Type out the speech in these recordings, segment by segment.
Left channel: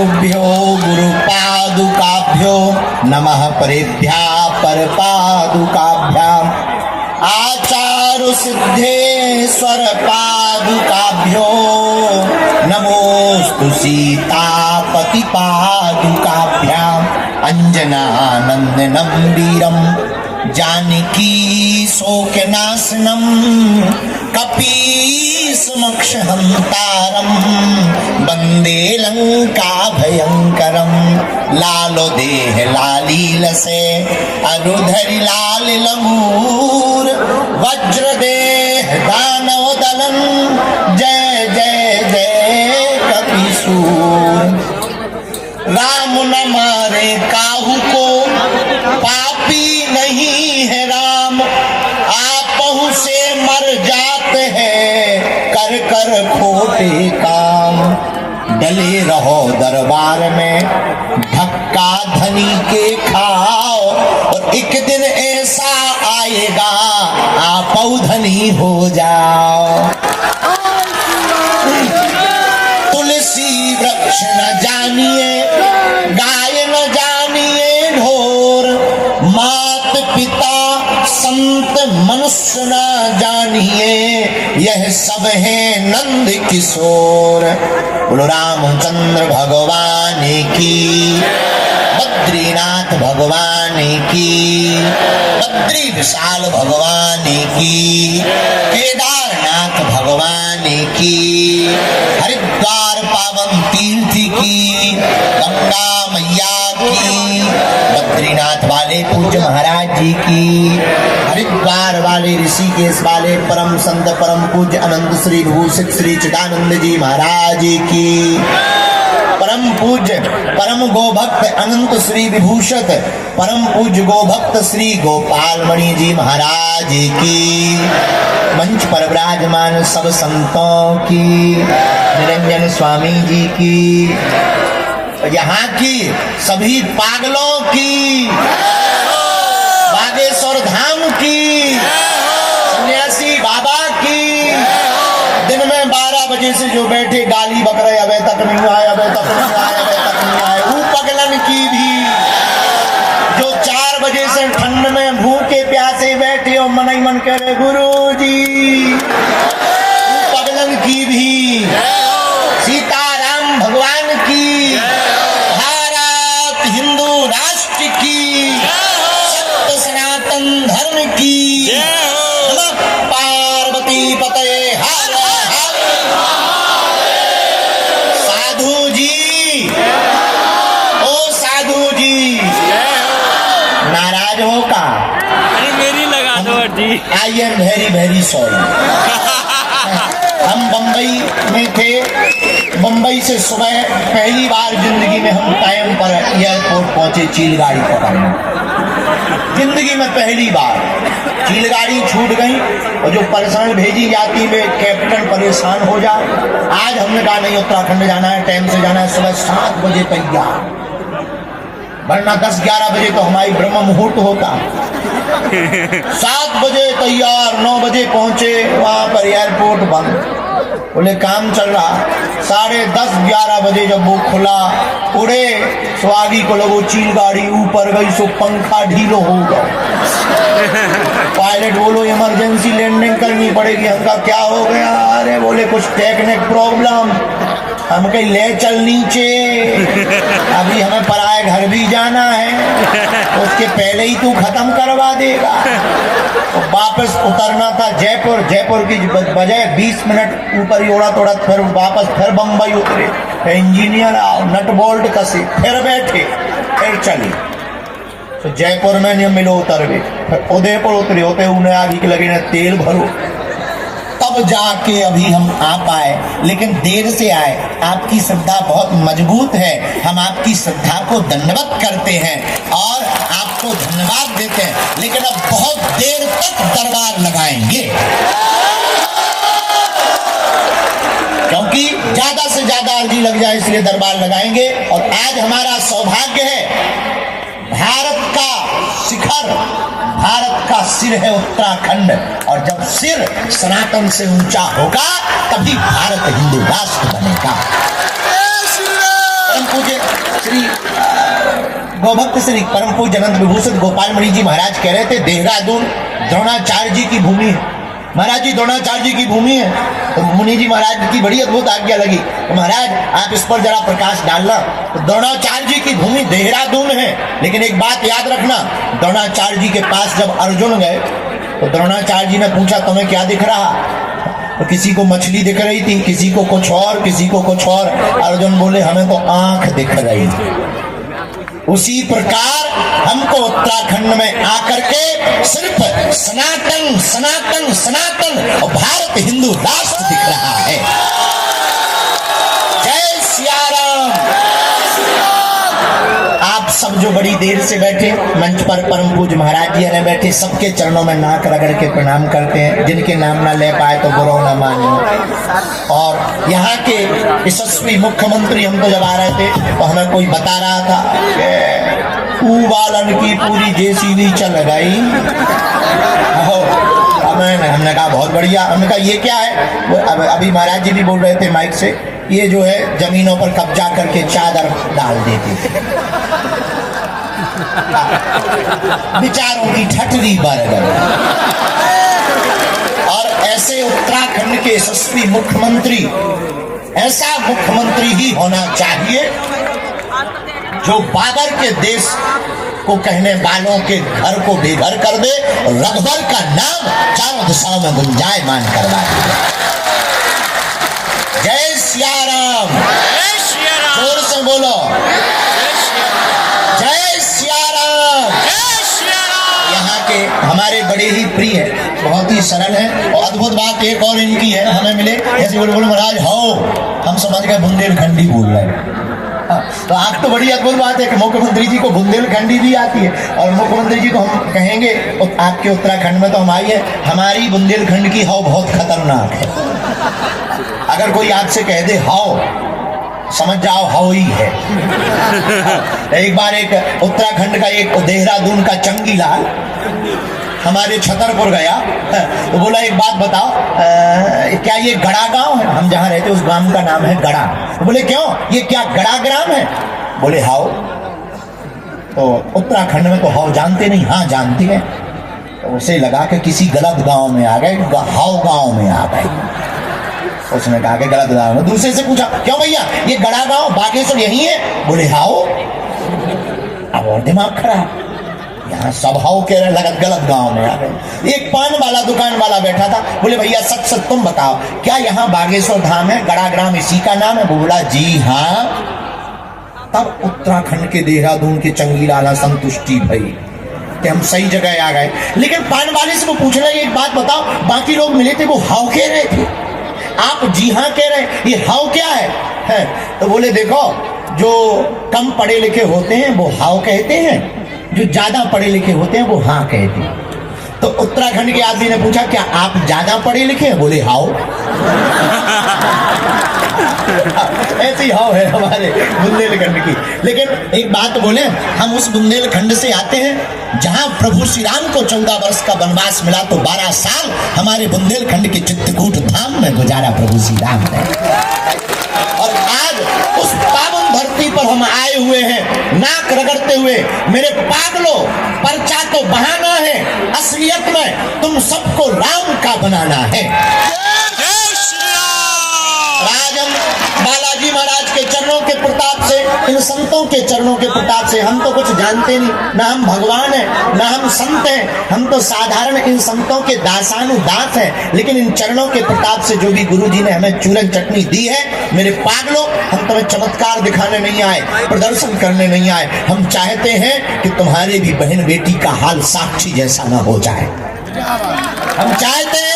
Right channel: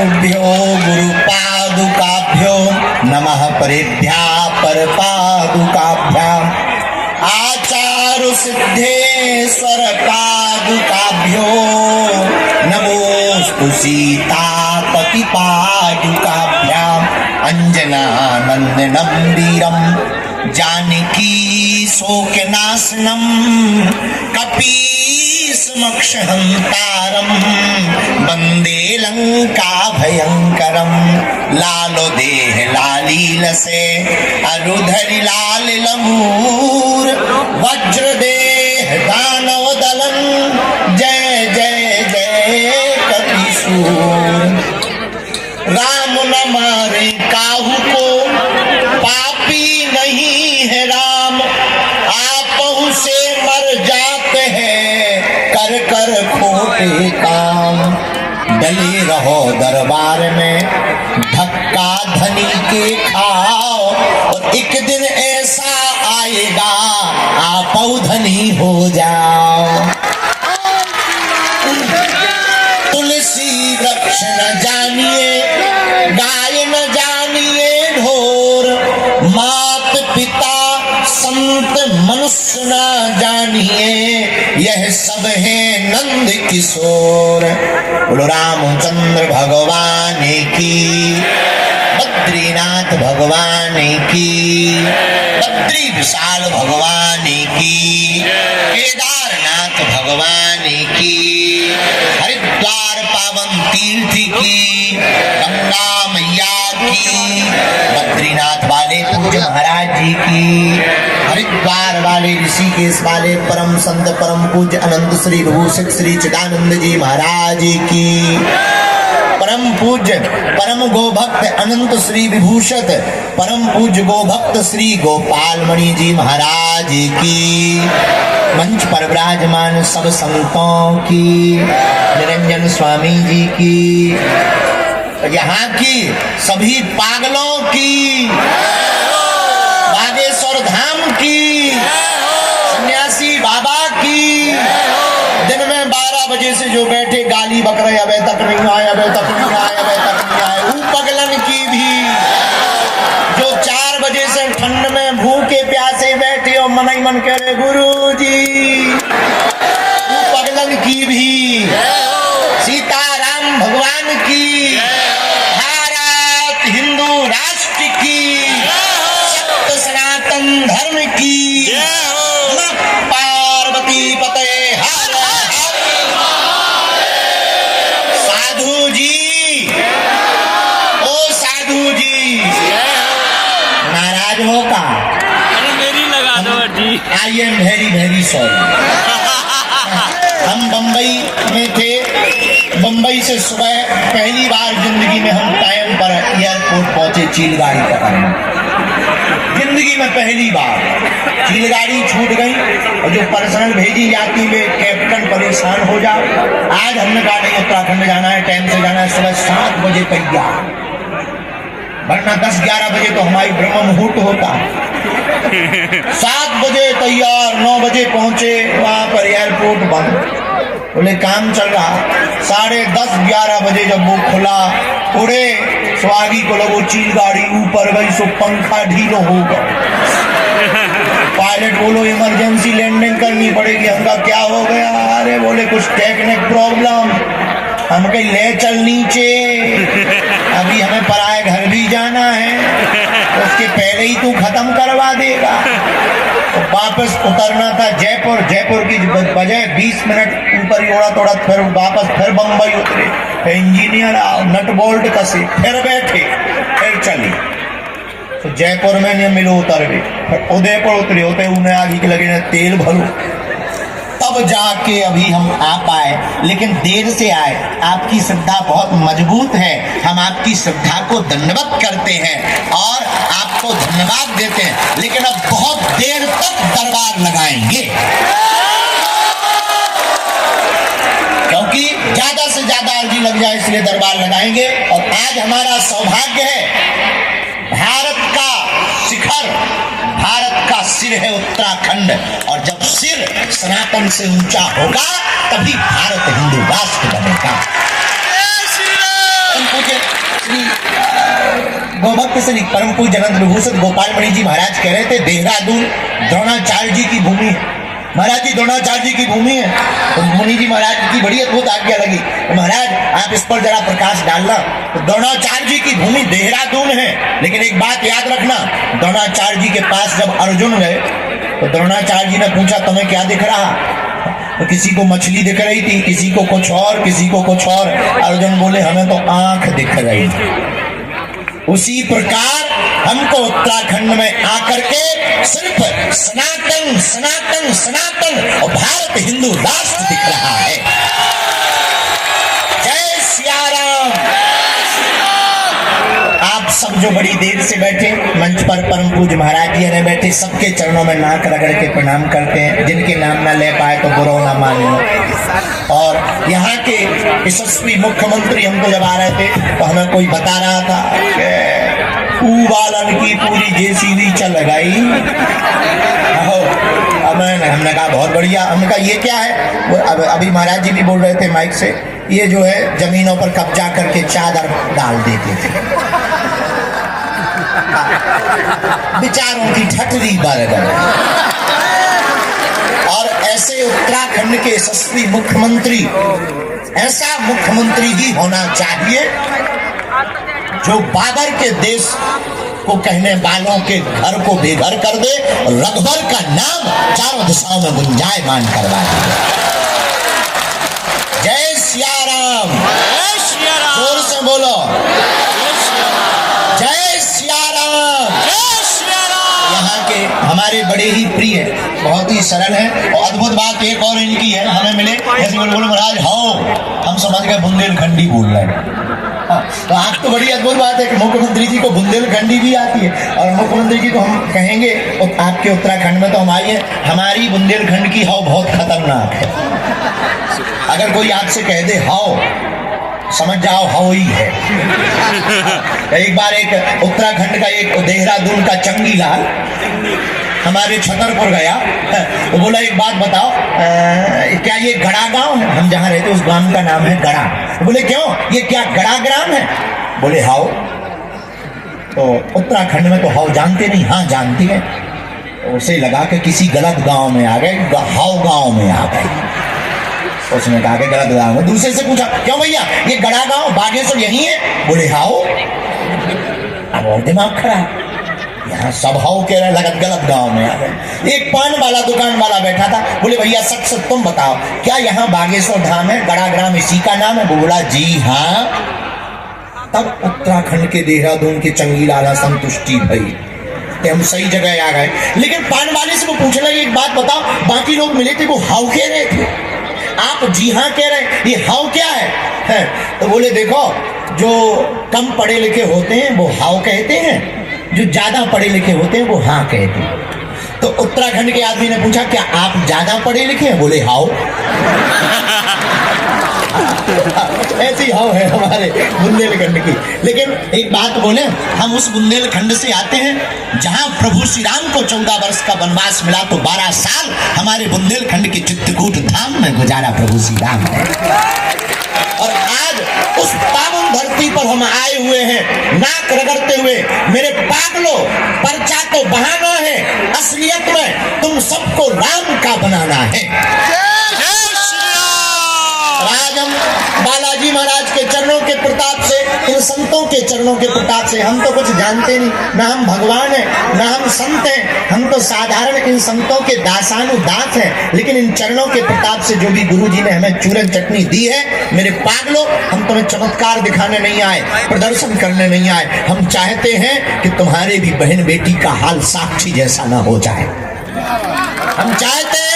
गुरुभ्यो गुरुपादुकाभ्यो नमः परेभ्यः परपादुकाभ्याम् आचार्य सिद्धेश्वर पादुकाभ्यो नमोस्तु सीतापति पादुकाभ्याम् अंजनानंदनं वीरं जानकी शोकनाशनं कपीसमक्षहन्तारं वन्दे लंका भयंकरं लालो देह लालीलसे अरुधरि लाल लंगूर वज्र देह दानव दलन जय जय जय कपीसूर। राम न मारे काहू को पापी नहीं है राम आपहु से मर जाते हैं कर कर खोटे काम। डले रहो दरबार में धक्का धनी के खाओ और एक दिन ऐसा आएगा आपहु धनी हो जाओ। तुलसी वृक्ष न जानिए गाय न जानिए ढोर मात पिता संत मनुष्य न जानिए यह सब है नंद किशोर। बोलो रामचंद्र भगवान की बद्रीनाथ भगवान की बद्री विशाल भगवान की केदारनाथ भगवान की हरिद्वार पावन तीर्थ की गंगा मैया की बद्रीनाथ वाले पूज्य महाराज जी की हरिद्वार वाले ऋषिकेश वाले परम संत परम पूज्य अनंत श्री विभूषित श्री चिदानंद जी महाराज की परम पूज्य परम गोभक्त अनंत श्री विभूषित परम पूज्य गोभक्त श्री गोपाल मणि जी महाराज की मंच पर विराजमान सब संतों की निरंजन स्वामी जी की यहाँ की सभी पागलों की बागेश्वर धाम की सन्यासी बाबा की दिन में 12 बजे से जो बैठे गाली बक रहे अबे तक नहीं आए अबे तक नहीं आए अबे तक नहीं आए वो पगलन की भी जो 4 बजे से ठंड में भूखे प्यासे बैठे और मन ही मन कह रहे गुरु जी वो पगलन की भी सीताराम भगवान की भारत हिंदू राष्ट्र की सत्य सनातन धर्म की पार्वती पते साधु जी ओ साधु जी नाराज हो का अरे मेरी लगा दो जी। I am very very sorry. हम बम्बई में थे बम्बई से सुबह पहली बार जिंदगी में हम टाइम पर एयरपोर्ट पहुंचे चीलगाड़ी पकड़ने जिंदगी में पहली बार चीलगाड़ी छूट गई और जो पर्सनल भेजी जाती वे कैप्टन परेशान हो जा। आज हमने कहा नहीं उत्तराखंड जाना है टाइम से जाना है सुबह 7 बजे तैयार वरना 10-11 बजे तो हमारी ब्रह्म मुहूर्त होता है। 7 बजे तैयार 9 बजे पहुंचे वहां पर एयरपोर्ट बंद बोले काम चल रहा 10:30-11 बजे जब वो खुला उड़े स्वागी को लगो चीलगाड़ी ऊपर गई सो पंखा ढीलो होगा पायलट बोलो इमरजेंसी लैंडिंग करनी पड़ेगी। हमका क्या हो गया अरे बोले कुछ टेक्निक प्रॉब्लम हम कहीं ले चल नीचे अभी हमें पराए घर भी जाना है तो उसके पहले ही तू खत्म करवा देगा। तो वापस उतरना था जयपुर की बजाय 20 मिनट ऊपर ही उड़ा तोड़ा फिर वापस फिर बम्बई उतरे इंजीनियर आओ नट बोल्ट कसे फिर बैठे फिर चले तो जयपुर में नहीं मिलो उतर गए फिर उदयपुर उतरे होते उन्हें आगे के लगे ना तेल भरो तब जाके अभी हम आ पाए लेकिन देर से आए। आपकी श्रद्धा बहुत मजबूत है हम आपकी श्रद्धा को दंडवत करते हैं और आपको धन्यवाद देते हैं लेकिन अब बहुत देर तक दरबार लगाएंगे क्योंकि ज्यादा से ज्यादा अर्जी लग जाए इसलिए दरबार लगाएंगे। और आज हमारा सौभाग्य है भारत का शिखर भारत का सिर है उत्तराखंड और जब सिर सनातन से ऊंचा होगा तभी भारत हिंदू राष्ट्र बनेगा। पूज्य श्री गोभक्त श्री परम पूज्य अनंत विभूषण गोपाल मणि जी महाराज कह रहे थे देहरादून द्रोणाचार्य जी की भूमि है। महाराज जी द्रोणाचार्य जी की भूमि है। तो मुनि जी महाराज की बड़ी अद्भुत आज्ञा लगी, तो महाराज आप इस पर जरा प्रकाश डालना। तो द्रोणाचार्य जी की भूमि देहरादून है, लेकिन एक बात याद रखना, द्रोणाचार्य जी के पास जब अर्जुन गए तो द्रोणाचार्य जी ने पूछा तुम्हें क्या दिख रहा? तो किसी को मछली दिख रही थी, किसी को कुछ और, किसी को कुछ और। अर्जुन बोले हमें तो आंख दिख रही थी। उसी प्रकार हमको उत्तराखंड में आकर के सिर्फ सनातन सनातन सनातन और भारत हिंदू राष्ट्र दिख रहा है। जय सिया राम। आप सब जो बड़ी देर से बैठे मंच पर परम पूज्य महाराज जी ने बैठे, सबके चरणों में नाक रगड़ के प्रणाम करते हैं। जिनके नाम ना ले पाए तो बुरा ना माने। और यहाँ के यशस्वी मुख्यमंत्री हम तो जब आ रहे थे तो हमें कोई बता रहा था वालन की पूरी जेसीबी चल गई। हमने कहा बहुत बढ़िया। हमने कहा ये क्या है? अभी महाराज जी भी बोल रहे थे माइक से, ये जो है जमीनों पर कब्जा करके चादर डाल देते थे। विचारों की ठठरी बढ़ गई। और ऐसे उत्तराखंड के यशस्वी मुख्यमंत्री, ऐसा मुख्यमंत्री ही होना चाहिए जो बाबर के देश को कहने वालों के घर को बेघर कर दे, रघुबर का नाम चारों दिशाओं में गुंजायमान करवाए। जय सिया राम। जय सिया राम। जोर से बोलो जय सिया राम। जय सिया राम। यहाँ के हमारे बड़े ही प्रिय हैं, बहुत ही सरल है। और अद्भुत बात एक और इनकी है, हमें मिले ऐसे बोले महाराज हो, हम समझ गए बुंदेलखंडी बोल रहे हैं। तो आप तो बड़ी अद्भुत बात है कि मुख्यमंत्री जी को बुंदेलखंडी भी आती है। और मुख्यमंत्री जी को हम कहेंगे आपके उत्तराखंड में तो हम आइए, हमारी बुंदेलखंड की हाव बहुत खतरनाक है। अगर कोई आपसे कह दे हाव, समझ जाओ हाव ही है। एक बार एक उत्तराखंड का एक देहरादून का चंगीलाल हमारे छतरपुर गया। वो बोला एक बात बताओ, क्या ये गड़ा गांव है? हम जहाँ रहते उस गांव का नाम है गड़ा। बोले क्यों, ये क्या गड़ा ग्राम है? बोले हाउ। तो उत्तराखंड में तो हाउ जानते नहीं? हाँ जानते हैं। तो उसे लगा कि किसी गलत गांव में आ गए, हाउ गांव में आ गए। उसने कहा कि गलत गांव में। दूसरे से पूछा क्यों भैया ये गड़ा गांव बागेश्वर यही है? बोले हाउ। अब और दिमाग खराब, यहाँ सब हाउ कह रहे, लगत गलत गांव में आ गए। एक पान वाला दुकान वाला बैठा था, बोले भैया सच सच तुम बताओ, क्या यहाँ बागेश्वर धाम है, गड़ा ग्राम इसी का नाम है? बोला जी हाँ। तब उत्तराखंड के देहरादून के चंगीलाला संतुष्टि भई कि हम सही जगह आ गए। लेकिन पान वाले से वो पूछना एक बात बताओ, बाकी लोग मिले थे वो हाउ कह रहे थे, आप जी हाँ कह रहे, ये हाउ क्या है? तो बोले देखो, जो कम पढ़े लिखे होते हैं वो हाउ कहते हैं, जो ज्यादा पढ़े लिखे होते हैं वो हाँ कहते हैं। तो उत्तराखंड के आदमी ने पूछा क्या आप ज्यादा पढ़े लिखे हैं? बोले हाउ। ऐसी हाउ है हमारे बुंदेलखंड की। लेकिन एक बात बोले, हम उस बुंदेलखंड से आते हैं जहां प्रभु श्री राम को 14 वर्ष का वनवास मिला, तो 12 साल हमारे बुंदेलखंड के चित्रकूट धाम में गुजारा प्रभु श्री राम ने। और आज उस पावन धरती पर हम आए हुए हैं नाक रगड़ते हुए। मेरे पागलों, पर्चा तो बहाना है, असलियत में तुम सबको राम का बनाना है। जय श्री राम। आज हम बालाजी महाराज के चरणों के प्रताप से, इन संतों के चरणों के प्रताप से, हम तो कुछ जानते नहीं, ना हम भगवान हैं ना हम संत हैं, हम तो साधारण इन संतों के दासानुदास हैं। लेकिन इन चरणों के प्रताप से जो भी गुरु जी ने हमें चूरन चटनी दी है, मेरे पागलों, हम तुम्हें चमत्कार दिखाने नहीं आए, प्रदर्शन करने नहीं आए। हम चाहते हैं कि तुम्हारे भी बहन बेटी का हाल साक्षी जैसा ना हो जाए। हम चाहते हैं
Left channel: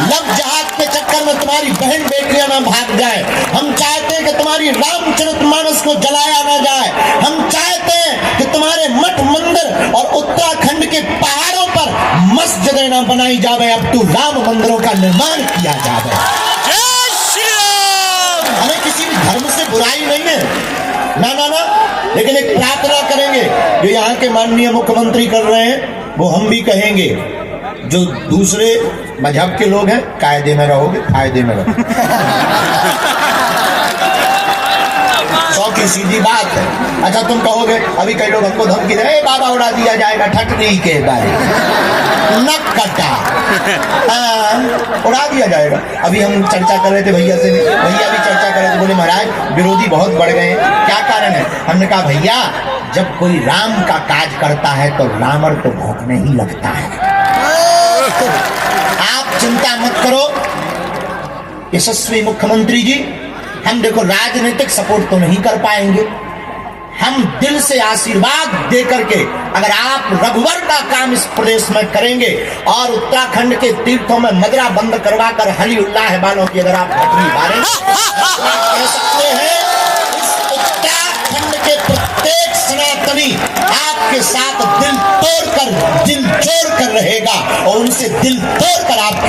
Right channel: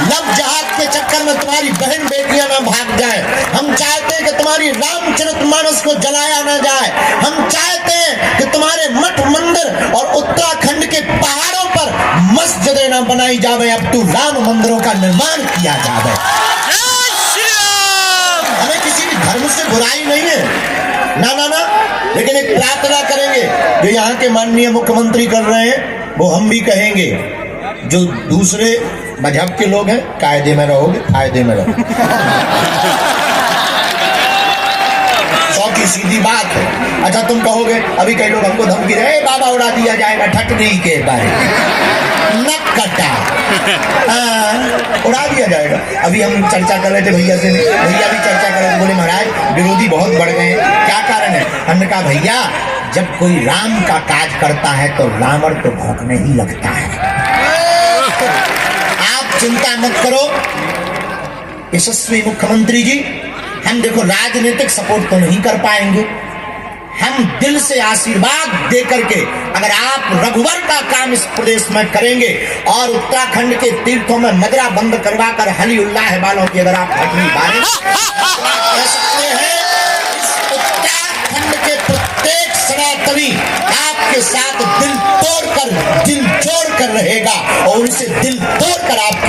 लव जहाज के चक्कर में तुम्हारी बहन बेटियां ना भाग जाए। हम चाहते हैं कि तुम्हारी रामचरितमानस को जलाया ना जाए। हम चाहते हैं कि तुम्हारे मठ मंदिर और उत्तराखंड के पहाड़ों पर मस्जिदें ना बनाई जावे, अब तो राम मंदिरों का निर्माण किया जावे। जय श्री राम। हमें किसी भी धर्म से बुराई नहीं है, ना ना ना। लेकिन एक प्रार्थना करेंगे जो यहाँ के माननीय मुख्यमंत्री कर रहे हैं, वो हम भी कहेंगे। जो दूसरे मजहब के लोग हैं, कायदे में रहोगे, फायदे में रहो। 100 सीधी सीधी बात है। अच्छा तुम कहोगे, अभी कई लोग हमको धमकी दे, "ए बाबा उड़ा दिया जाएगा ठटनी के बारे नक कटा। हाँ, उड़ा दिया जाएगा। अभी हम चर्चा कर रहे थे भैया से, भैया भी चर्चा कर रहे थे, बोले महाराज विरोधी बहुत बढ़ गए हैं, क्या कारण है? हमने कहा भैया जब कोई राम का काज करता है तो रावण तो भौंकने ही लगता है। आप चिंता मत करो यशस्वी मुख्यमंत्री जी, हम देखो राजनीतिक सपोर्ट तो नहीं कर पाएंगे, हम दिल से आशीर्वाद दे करके अगर आप रघुवर का काम इस प्रदेश में करेंगे और उत्तराखंड के तीर्थों में मदरा बंद करवा कर हली उल्लाह वालों की अगर आप घटनी मारें, कह सकते हैं इस उत्तराखंड के प्रत्येक सनातनी आपके साथ दिल तोड़कर दिल जोड़ कर रहेगा और उनसे दिल तोड़कर आपके